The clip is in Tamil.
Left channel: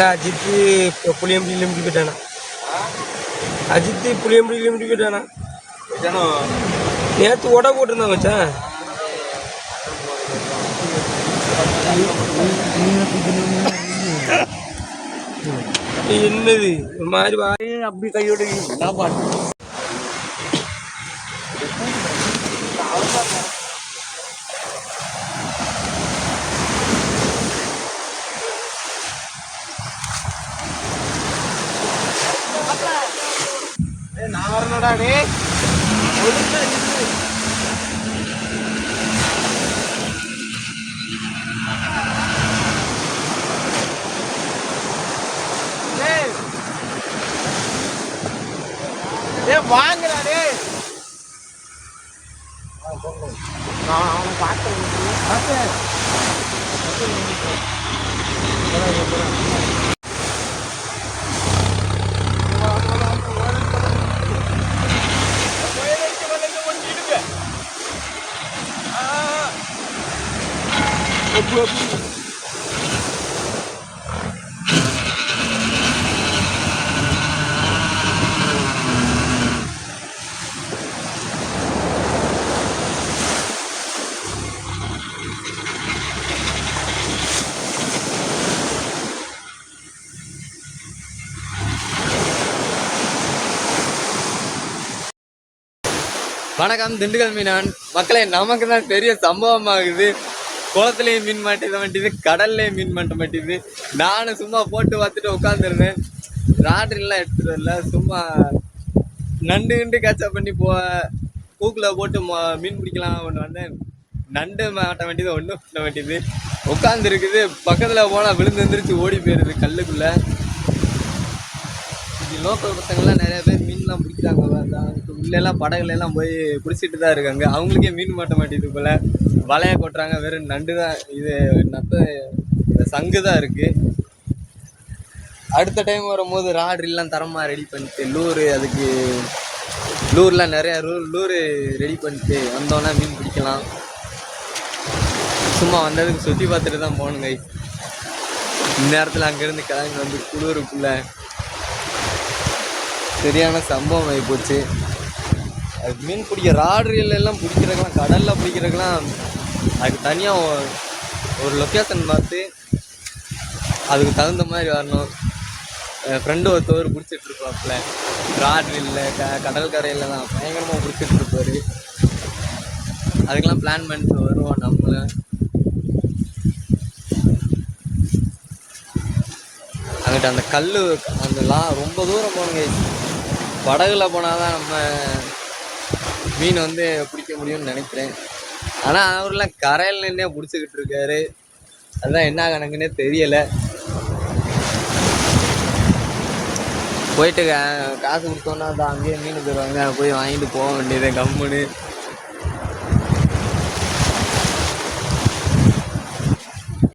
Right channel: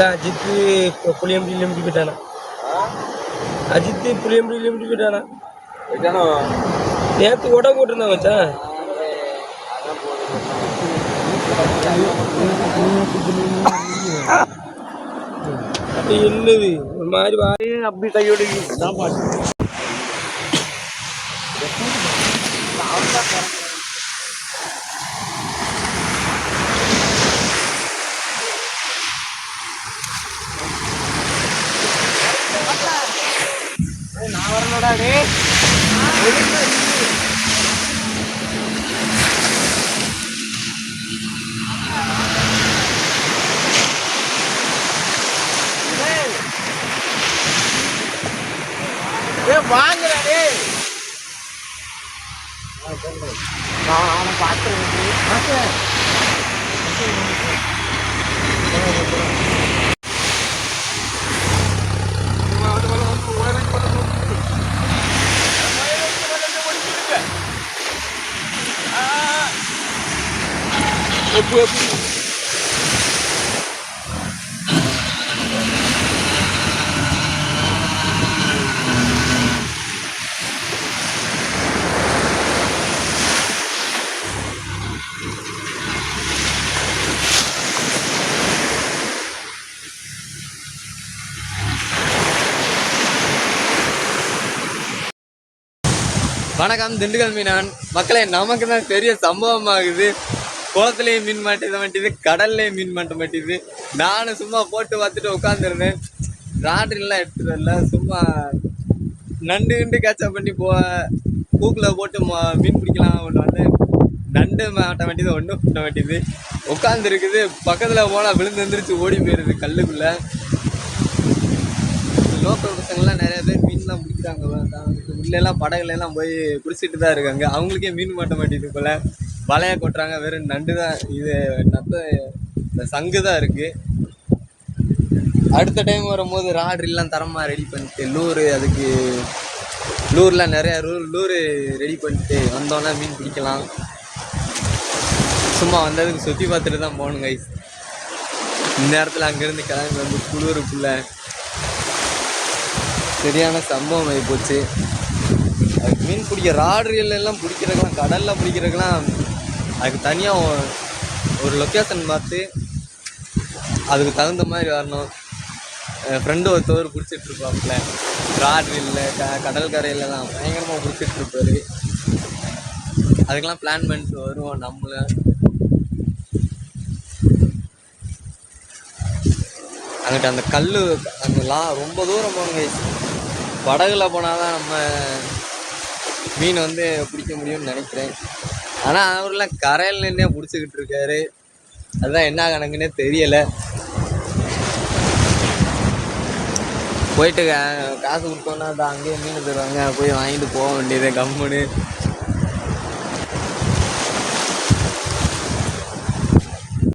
இல்லை அஜித்து இப்போ புளியம்படியில் போயிட்டானா? அஜித்து புளியம்படியில் போயிட்டானா? நேற்று உட போட்டிருந்தான் மச்சான். என்னது ஒரு மாதிரி அப்படி கையோடு நான் வரலடா டே. வாங்கடா டே. நான் பார்த்தேன். வணக்கம் திண்டுக்கல் மீனான் மக்களே. நமக்கு தான் பெரிய சம்பவம் ஆகுது. குளத்துலேயும் மீன் மாட்ட மாட்டேது, கடல்லையும் மீன் மாட்ட மாட்டேது. நானும் சும்மா போட்டு பார்த்துட்டு உட்காந்துருந்தேன். ராட்ரிலாம் எடுத்துட்டு வரல, சும்மா நண்டு கிண்டு கேட்சப் பண்ணி பூக்கில் போட்டு மீன் பிடிக்கலாம் ஒன்று வந்தேன். நண்டு மாட்ட வேண்டியது ஒன்றும் பண்ண வேண்டியது உட்காந்துருக்குது. பக்கத்தில் போனால் விழுந்து வந்துருச்சு, ஓடி போயிடுது கல்லுக்குள்ளே. லோக்கல் பசங்கள்லாம் நிறைய பேர் மீன்லாம் பிடிக்கிறாங்க. உள்ளெல்லாம் படகுலாம் போய் பிடிச்சிட்டு தான் இருக்காங்க. அவங்களுக்கே மீன் மாட்ட மாட்டேங்குது போல். வலையை கொட்டுறாங்க, வெறும் நண்டு தான். இது இந்த சங்கு தான் இருக்குது. அடுத்த டைம் வரும்போது ராட்ரிலாம் தரமாக ரெடி பண்ணிட்டு அதுக்கு லூர்லாம் நிறையா லூரு ரெடி பண்ணிட்டு வந்தோன்னா மீன் பிடிக்கலாம். சும்மா வந்ததுக்கு சுற்றி பார்த்துட்டு தான் போகணும் கைஸ். இந்த நேரத்தில் அங்கேருந்து கிளம்பி வந்து குளிருக்குள்ளே சரியான சம்பவம் ஆகி போச்சு. அதுக்கு மீன் பிடிக்க ராட்ரியல் எல்லாம் பிடிக்கிறதுக்கெலாம், கடலில் பிடிக்கிறதுக்கெலாம் அதுக்கு தனியாக ஒரு லொக்கேஷன் பார்த்து அதுக்கு தகுந்த மாதிரி வரணும். என் ஃப்ரெண்டு ஒருத்தவர் பிடிச்சிட்ருப்பாப்புல ராட்ரியலில் கடல் கரையில் தான் பயங்கரமாக பிடிச்சிட்ருப்பார். அதுக்கெல்லாம் பிளான் பண்ணிட்டு வருவோம் நம்மளை. அங்கிட்ட அந்த கல் ரொம்ப தூரம் போகணுங்க. படகுல போனால் தான் நம்ம மீன் வந்து பிடிக்க முடியும்னு நினைக்கிறேன். ஆனால் அவரெலாம் கரையில் நின்னே பிடிச்சிக்கிட்டு இருக்காரு. அதுதான் என்ன கணக்குன்னே தெரியலை. போயிட்டு காசு கொடுத்தோன்னா தான் அங்கேயே மீன் தருவாங்க, போய் வாங்கிட்டு போக வேண்டியது கம்முன்னு.